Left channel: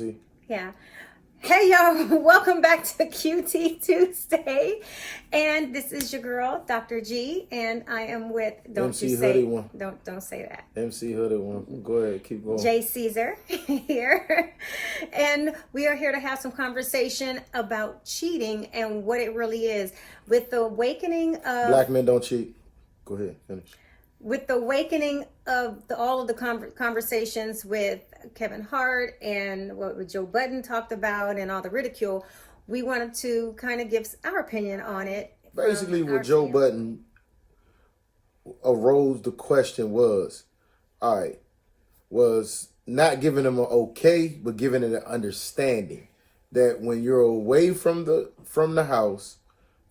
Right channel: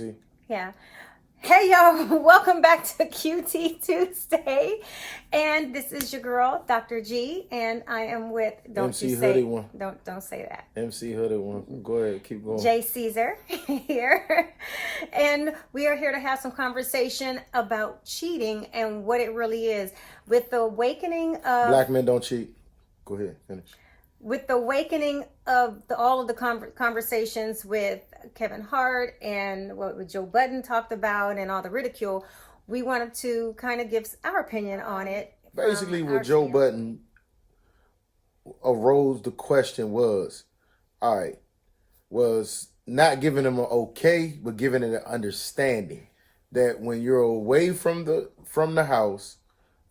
QT. Yeah. Hey y'all, welcome back to QT Tuesday. And this is your girl, Dr. G, and I am with MC Hoodie one. Don't say that. MC Hoodie one. Go ahead, keep going. Jay Caesar here. And we are here to have some conversation about cheating and what it really is. With the awakening of Black men don't cheat. Go ahead, finish. With the awakening of all of the conversations with Kevin Hart and what Joe Budden talked about and all the ridicule, we wanted to kind of give our opinion on it. Basically, with Joe Budden arose the question was, all right, was not giving them an okay, but giving it an understanding that when you're away from the house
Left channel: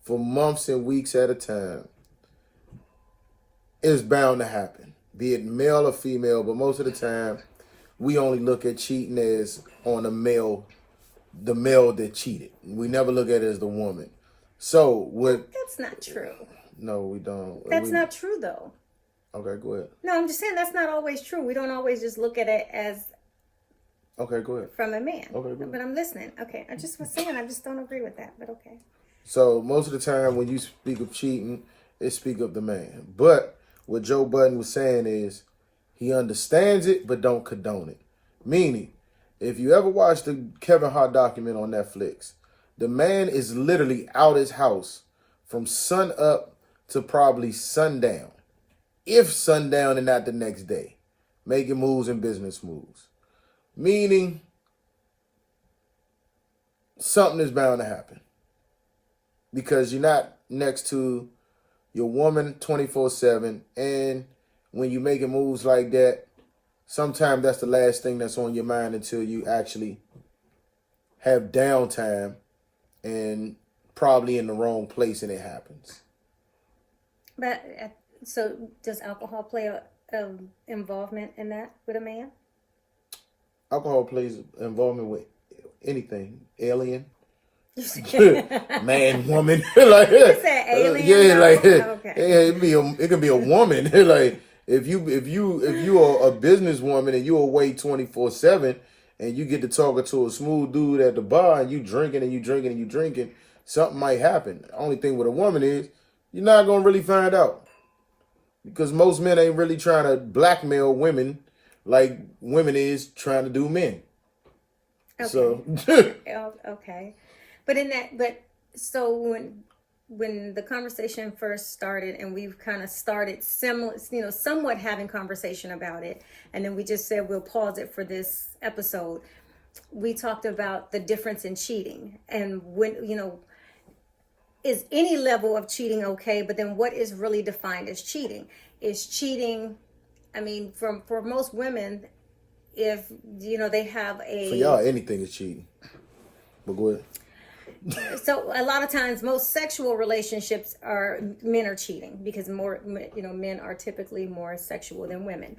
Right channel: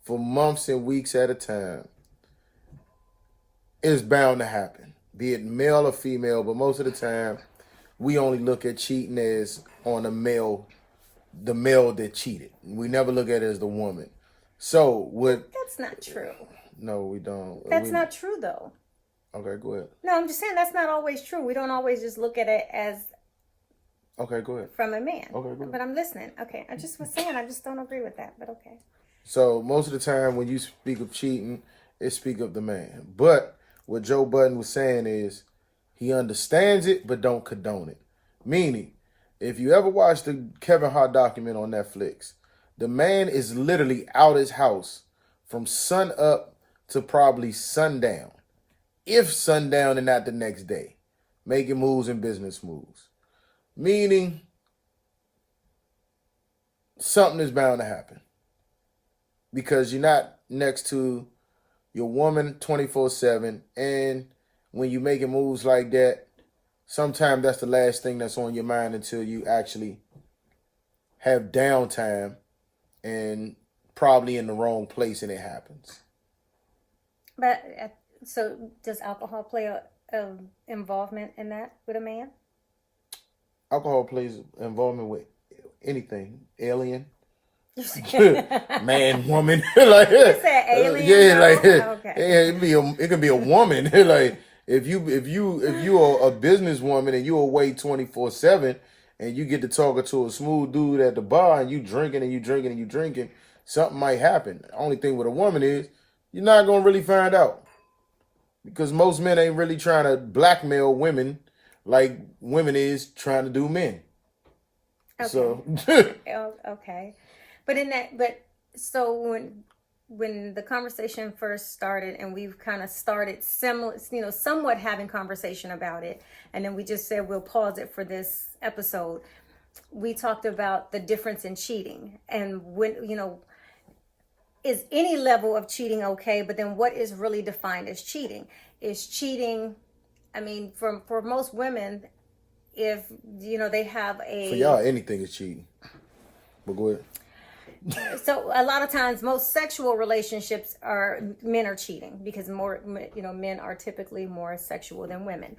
for months and weeks at a time, it's bound to happen, be it male or female, but most of the time, we only look at cheating as on the male that cheated. We never look at it as the woman. So what? That's not true. No, we don't. That's not true, though. Okay, go ahead. No, I'm just saying that's not always true. We don't always just look at it as. Okay, go ahead. From a man. Okay, go ahead. But I'm listening. Okay, I just was saying I just don't agree with that, but okay. So most of the time when you speak of cheating, it speak of the man. But what Joe Budden was saying is he understands it but don't condone it. Meaning, if you ever watch the Kevin Hart document on Netflix, the man is literally out his house from sun up to probably sundown. If sundown and not the next day. Making moves and business moves. Meaning, something is bound to happen. Because you're not next to your woman 24/7, and when you're making moves like that, sometimes that's the last thing that's on your mind until you actually have downtime and probably in the wrong place and it happens. But so does alcohol play a involvement in that with a man? Alcohol plays involvement with anything, alien. Man, woman, like you said alien. yeah, like okay. it can be a woman. Like if you are a businesswoman and you're away 24/7 and you get to talking to a smooth dude at the bar and you drinking, something might happen. The only thing with a woman is you're not gonna really find out because most men ain't really trying to blackmail women like women is trying to do men. Okay. So okay. But so when the conversation first started and we've kind of started somewhat having conversation about it, and then we just said we'll pause it for this episode. We talked about the difference in cheating and when, is any level of cheating okay? But then what is really defined as cheating? Is cheating, I mean, for most women, if, they have a... For y'all, anything is cheating. But go ahead. So a lot of times most sexual relationships men are cheating because men are typically more sexual than women.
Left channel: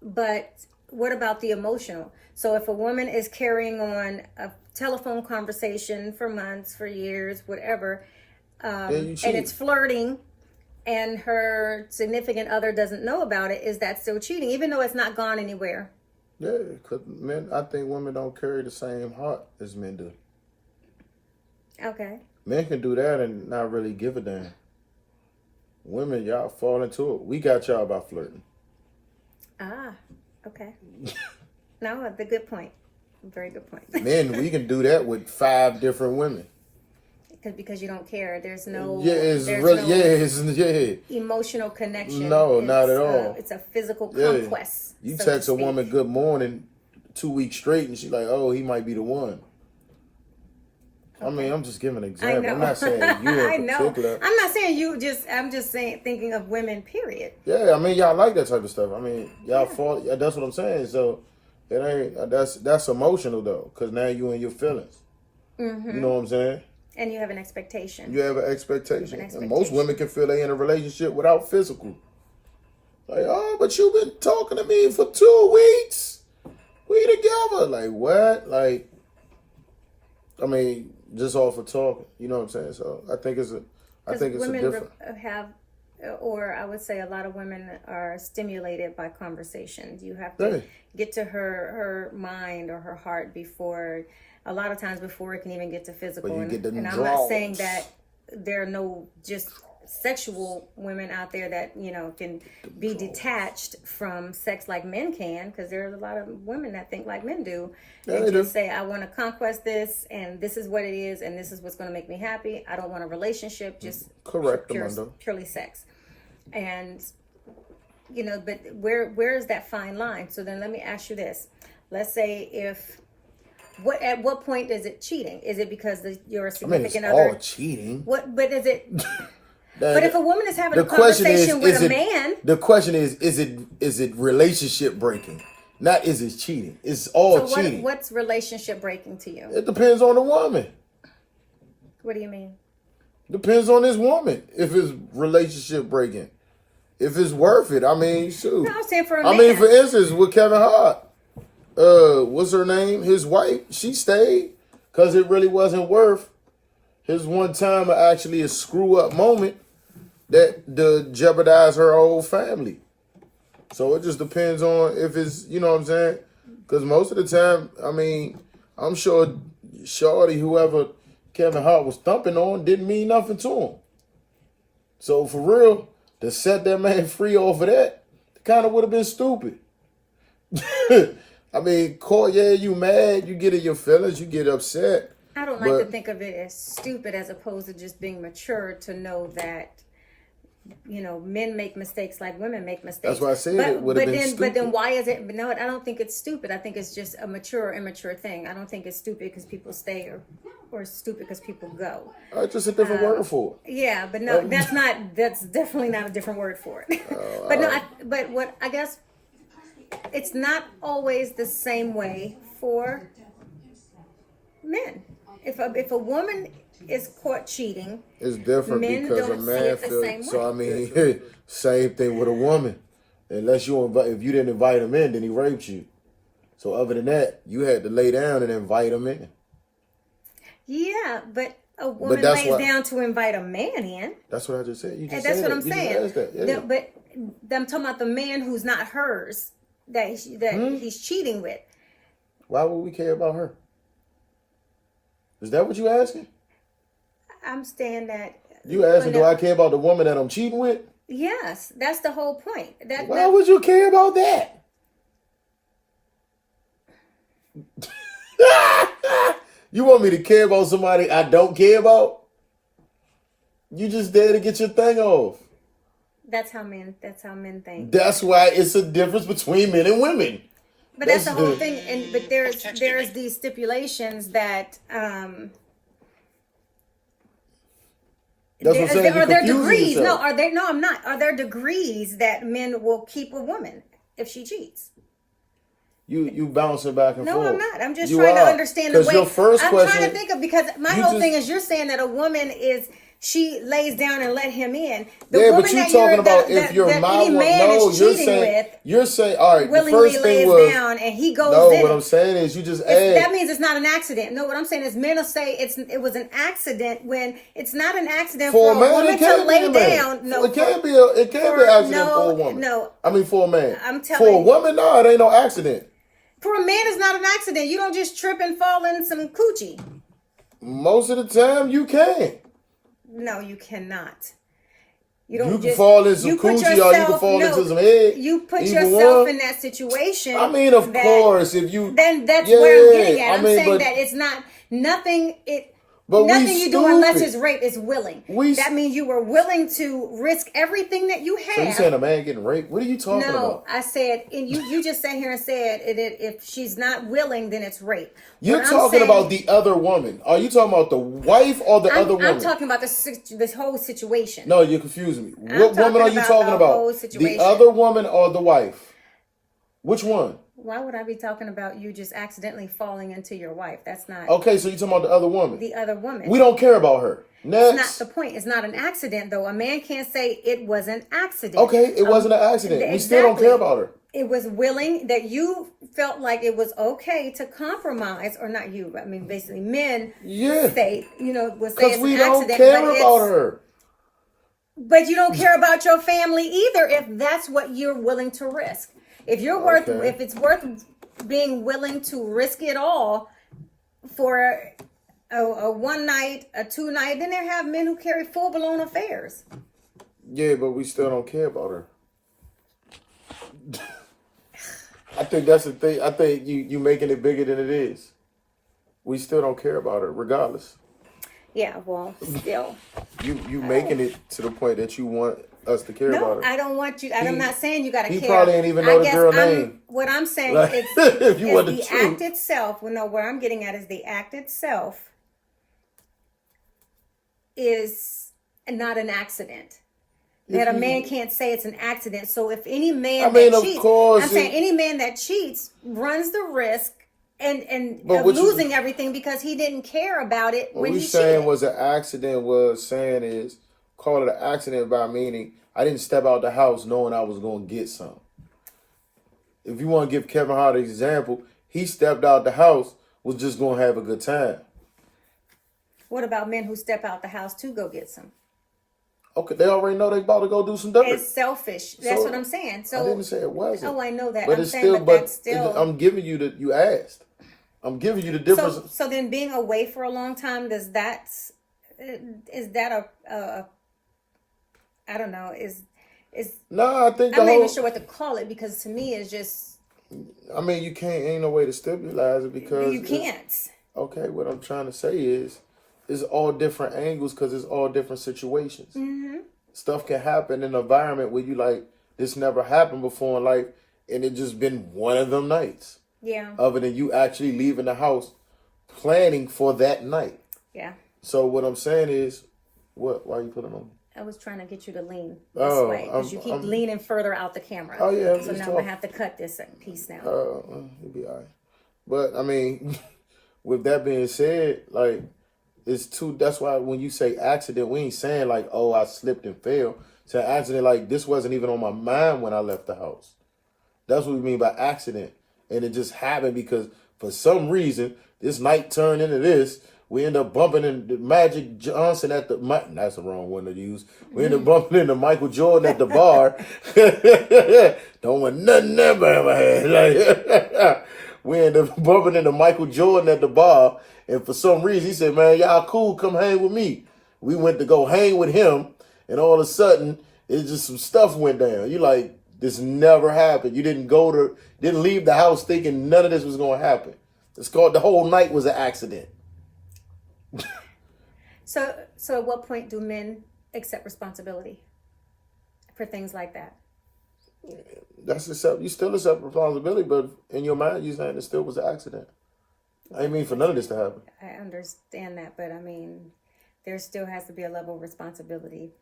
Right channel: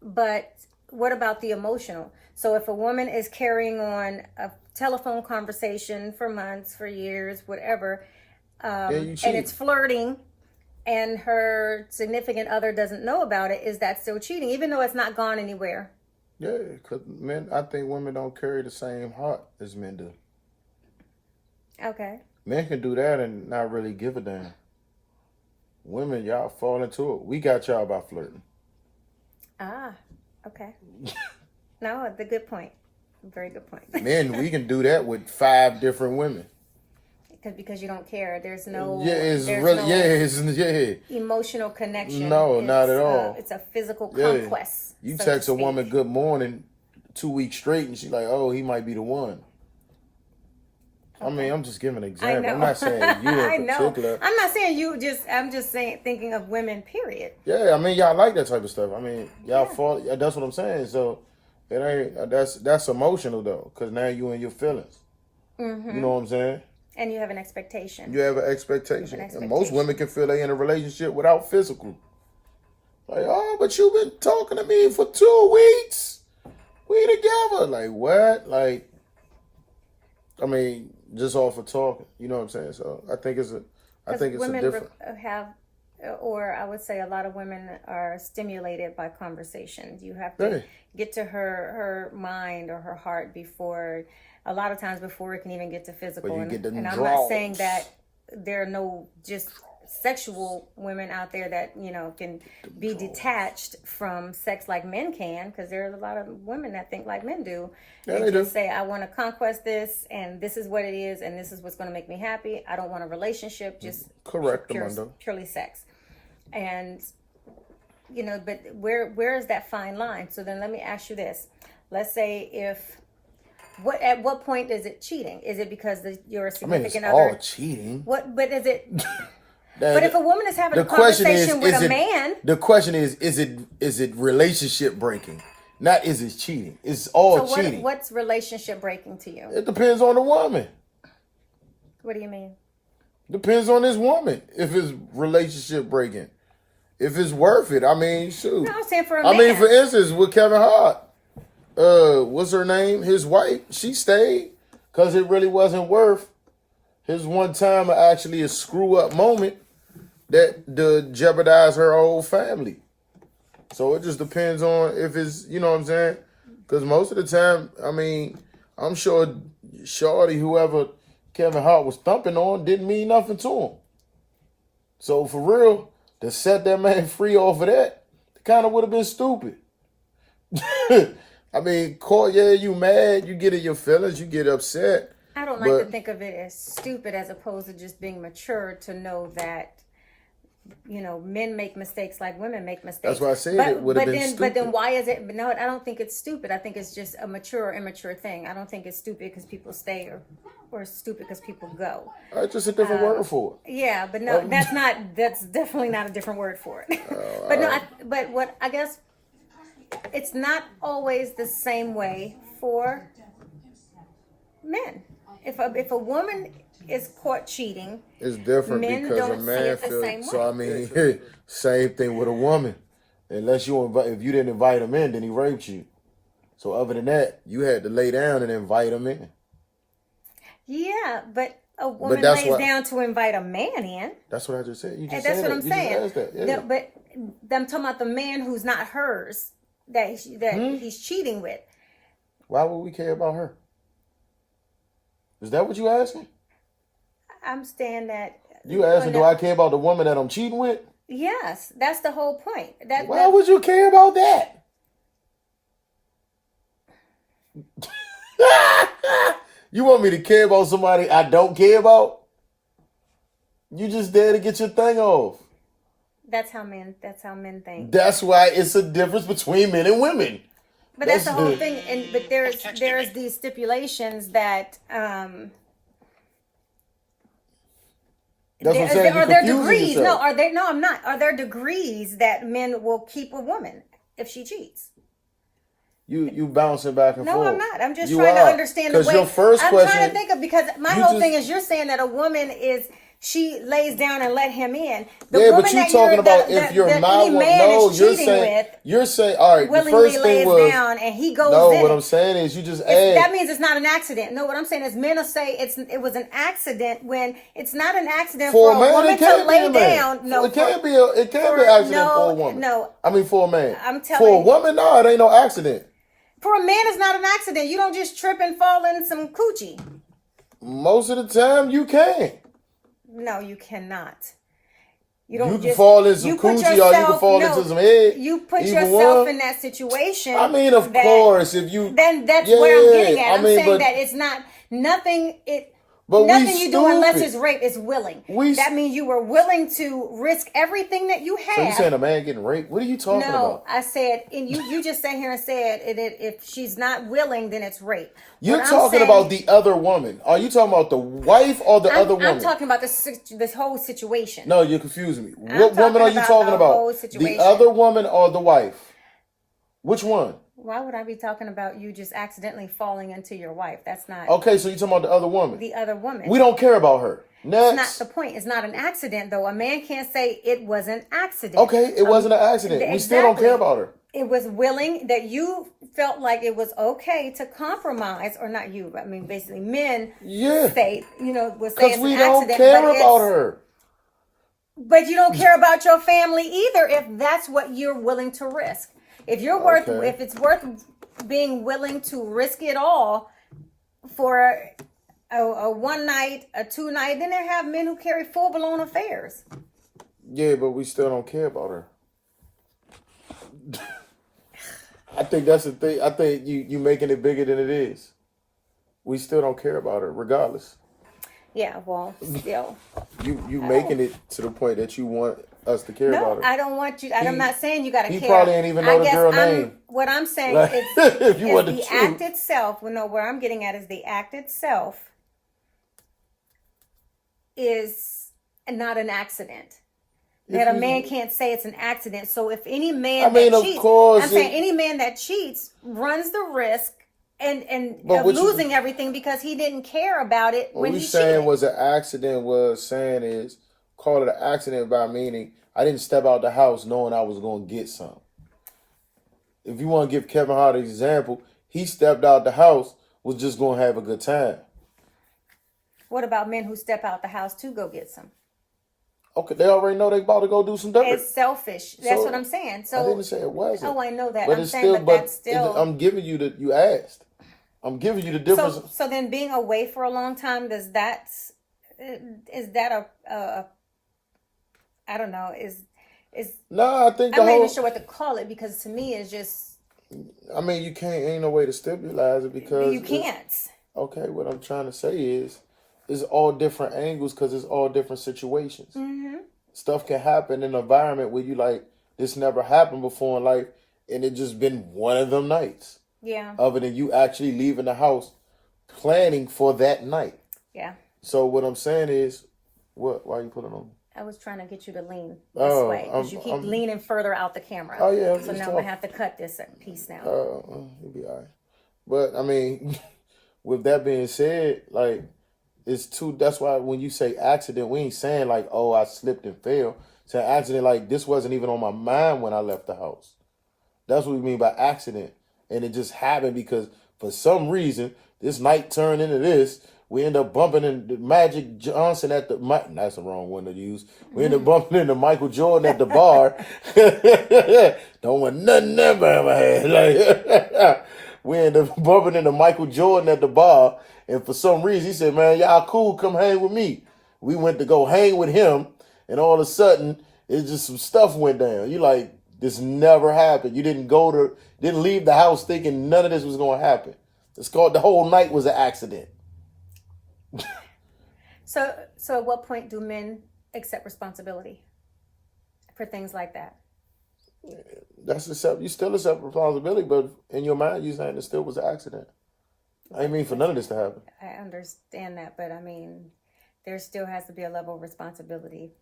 But what about the emotional? So if a woman is carrying on a telephone conversation for months, for years, whatever, and it's flirting and her significant other doesn't know about it, is that still cheating, even though it's not gone anywhere? Yeah, because I think women don't carry the same heart as men do. Okay. Men can do that and not really give a damn. Women, y'all fall into it. We got y'all by flirting. Ah, okay. No, the good point. Very good point. Men, we can do that with 5 different women. Because you don't care. There's no... emotional connection. No, not at all. It's a physical conquest. You text a woman good morning 2 weeks straight and she's like, oh, he might be the one. Okay. I mean, I'm just giving an example. I'm not saying you in particular. I'm not saying you I'm just saying, thinking of women, period. Yeah, I mean, y'all like that type of stuff. I mean, y'all fall. That's what I'm saying. So it ain't, that's emotional though. Because now you in your feelings. Mm-hmm. You know what I'm saying? And you have an expectation. You have an expectation. And most women can feel they in a relationship without physical. Like, oh, but you've been talking to me for 2 weeks. We together. Like, what? Like, I mean, just off of talking. You know what I'm saying? So I think it's a different. Women have or I would say a lot of women are stimulated by conversations. You have to Hey. get to her mind or her heart before, a lot of times before it can even get to physical. But you get them and I'm not saying draws. that there are no just sexual women out there that can be detached from sex like men can, because there's a lot of women that think like men do. Yeah, And they just do. say, I want to conquest this, and this is what it is, and this is what's going to make me happy. I don't want a relationship, just Correct, Amanda. purely sex. And but where is that fine line? So then let me ask you this. Let's say at what point is it cheating? Is it because you're a I mean, it's significant all other? cheating. But is it? But if a woman is having a question conversation with is a it, man, the question is it relationship breaking? Not is it cheating? It's all so cheating. what's relationship breaking to you? It depends on the woman. What do you mean? Depends on this woman if it's relationship breaking. If it's worth it. I mean, shoot. No, I'm saying for a I man. mean, for instance, with Kevin Hart, what's her name? His wife, she stayed because it really wasn't worth his one time actually a screw up moment that jeopardize her whole family. So it just depends on if it's, you know what I'm saying? Because most of the time, I mean, I'm sure Shorty, whoever Kevin Hart was thumping on, didn't mean nothing to him. So for real, to set that man free off of that, kind of would have been stupid. I mean, yeah, you mad, you get in your feelings, you get upset. I don't like to think of it as stupid as opposed to just being mature to know that, men make mistakes like women make mistakes. That's why I said it would have been stupid. But then why is it? No, I don't think it's stupid. I think it's just a mature or immature thing. I don't think it's stupid because people stay or stupid because people go. That's just a different word for it. Yeah, but no, that's definitely not a different word for it. But what I guess it's not always the same way for men. If a woman is caught cheating, It's different men because don't a see man it the feels. same So way. I mean, same thing with a woman. Unless if you didn't invite him in, then he raped you. So other than that, you had to lay down and invite him in. yeah, but a woman that's lays what- down to invite a man in. That's what I just said. You just And that's said what it. I'm You just saying. asked that. Yeah. But I'm talking about the man who's not hers that he's cheating with. Why would we care about her? Is that what you asking? I'm saying that. You asking, do I care about the woman that I'm cheating with? Yes, that's the whole point. Why would you care about that? You want me to care about somebody I don't care about? You just there to get your thing off. That's how men think. That's why it's a difference between men and women. But that's the whole the- thing. And but there's these stipulations that That's what I'm saying. are there You're confusing degrees? yourself. No, I'm not. Are there degrees that men will keep a woman if she cheats? You bouncing back and No, forth. I'm not. I'm just You trying to are. understand the 'Cause way. your first I'm question, trying to think of, because my you whole just- thing is you're saying that a woman she lays down and let him in. The Yeah, woman but you that talking you're, about that, if you're that my any woman. man No, is you're cheating saying with all right. The willingly first lays thing was down and he goes no. in. What I'm saying is you just That asked. means it's not an accident. No, what I'm saying is men will say it was an accident when it's not an accident For for a man, woman it can't to be a lay man. down. No, it can't be an accident no, for a woman. no. I mean for a man. I'm for a telling- woman, no, it ain't no accident. for a man, it's not an accident. You don't just trip and fall in some coochie. Most of the time, you can't. No, you cannot. You can fall in some coochie or you can fall into some head. You put Either yourself one. in that situation. I mean, of course, if you Then that's Yeah, where I'm getting at. I I'm mean, saying but- that it's not nothing. But we Nothing you do unless stupid. it's rape is willing. We- That means you were willing to risk everything that you So you have. saying a man getting raped? What are you talking No, about? I said, and you just sat here and said if she's not willing, then it's rape. You're What I'm talking saying- about the other woman. Are you talking about the wife or the other woman? I'm talking about this whole situation. No, you're confusing me. I'm What woman talking are you about talking the about? whole The situation. other woman or the wife? Which one? Why would I be talking about you just accidentally falling into your wife? That's not Okay, so you're talking about the other woman. the other woman. We don't care about her. That's Next. not the point. It's not an accident, though. A man can't say it was an accident. Okay, it wasn't an accident. We still don't care about her. It was willing that you felt like it was okay to compromise, or not you, but I mean basically men Yeah. say, would say Because it's we an don't accident, care but about it's, her. But you don't care about your family either if that's what you're willing to risk. If you're worth, Okay. if it's worth being willing to risk it all for a one night, a 2 night, then there have men who carry full blown affairs. Yeah, but we still don't care about her. I think that's the thing. I think you making it bigger than it is. We still don't care about her, regardless. Yeah, well, still. You making it to the point that you want us to care No, about her. I don't want you. I'm not saying you got to care. He probably ain't even know I the guess girl name. What I'm saying Like, is, if you want the the truth. act itself. Well, no, where I'm getting at is the act itself is not an accident. That a man can't say it's an accident. So if any man that of cheats, course I'm saying any man that cheats runs the risk But of what you- losing everything because he didn't care about it What when we he saying cheated. was an accident was saying is call it an accident by meaning I didn't step out the house knowing I was going to get some. If you want to give Kevin Hart an example, he stepped out the house, was just going to have a good time. What about men who step out the house to go get some? Okay, they already know they about to go do some dirt. It's selfish. That's So, what I'm saying. I So didn't say it wasn't. Oh, I know that. But I'm it's saying, still, but that's still. I'm giving you you asked. I'm giving you the difference. So then, being away for a long time, is that a I don't know. Is No, I think I'm the not whole. even sure what to call it because to me it's just I mean, you can't. Ain't no way to stipulate it because you can't. Okay, what I'm trying to say is, it's all different angles because it's all different situations. Mm-hmm. Stuff can happen in an environment where you like this never happened before in life, and it just been one of them nights. Yeah. Other than you actually leaving the house, planning for that night. Yeah. So what I'm saying is, what? Why are you putting on? I was trying to get you to lean this Oh, way because you keep I'm- leaning further out the camera. Oh, yeah, So just now I'm talk. gonna have to cut this piece now. You'll be all right. But I mean, with that being said, like it's too. That's why when you say accident, we ain't saying like, oh, I slipped and fell. It's an accident. Like this wasn't even on my mind when I left the house. That's what we mean by accident, and it just happened because for some reason this night turned into this. We end up bumping into Magic Johnson at the. That's the wrong one to use. We end up bumping into Michael Jordan at the bar. Don't want nothing ever had. Like, we end up bumping into Michael Jordan at the bar, and for some reason he said, "Man, y'all cool? Come hang with me." We went to go hang with him, and all of a sudden it's just some stuff went down. You like this never happened. You didn't leave the house thinking none of this was gonna happen. It's called the whole night was an accident. So at what point do men accept responsibility for things like that? You still accept responsibility, but in your mind you saying it still was an accident. I ain't mean for none of this to happen. I understand that, but I mean, there still has to be a level of responsibility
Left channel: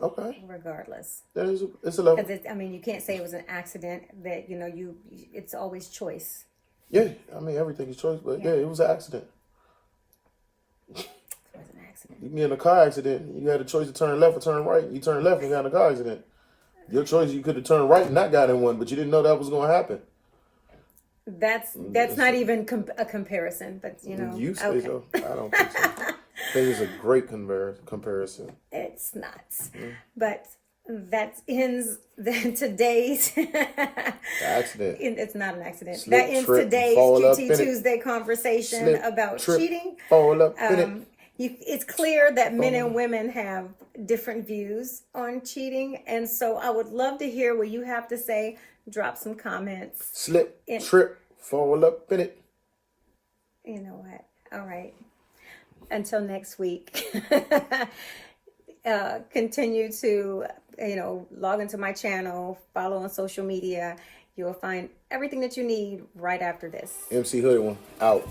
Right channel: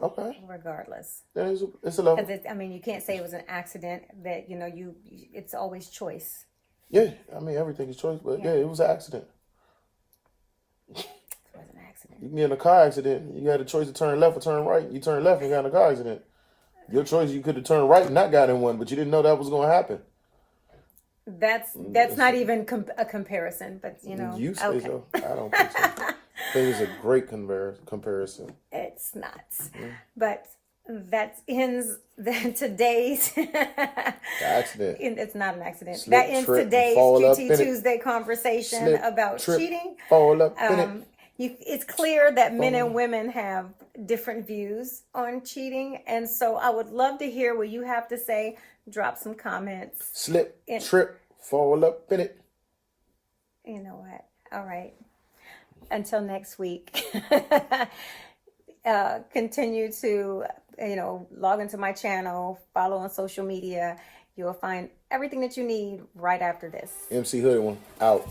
Okay, regardless. then it's a level. Because I mean, you can't say it was an accident. That it's always choice. Yeah, I mean everything is choice, but yeah, it was an accident. It was an accident. You can get in a car accident. You had a choice to turn left or turn right. You turned left and got in a car accident. Your choice, you could have turned right and not got in one, but you didn't know that was going to happen. That's not even a comparison, but You say okay. so. I don't think so. I think it's a great comparison. It's not, but that ends today's. Accident. It's not an accident. Slip, That ends trip, today's fall up in QT it. Tuesday conversation Slip, about trip, cheating. Fall up in it. It's clear that men and women have different views on cheating, and so I would love to hear what you have to say. Drop some comments. Slip, trip, fall up in it. You know what? All right. Until next week. Continue to log into my channel, follow on social media. You'll find everything that you need right after this. MC Hood one out.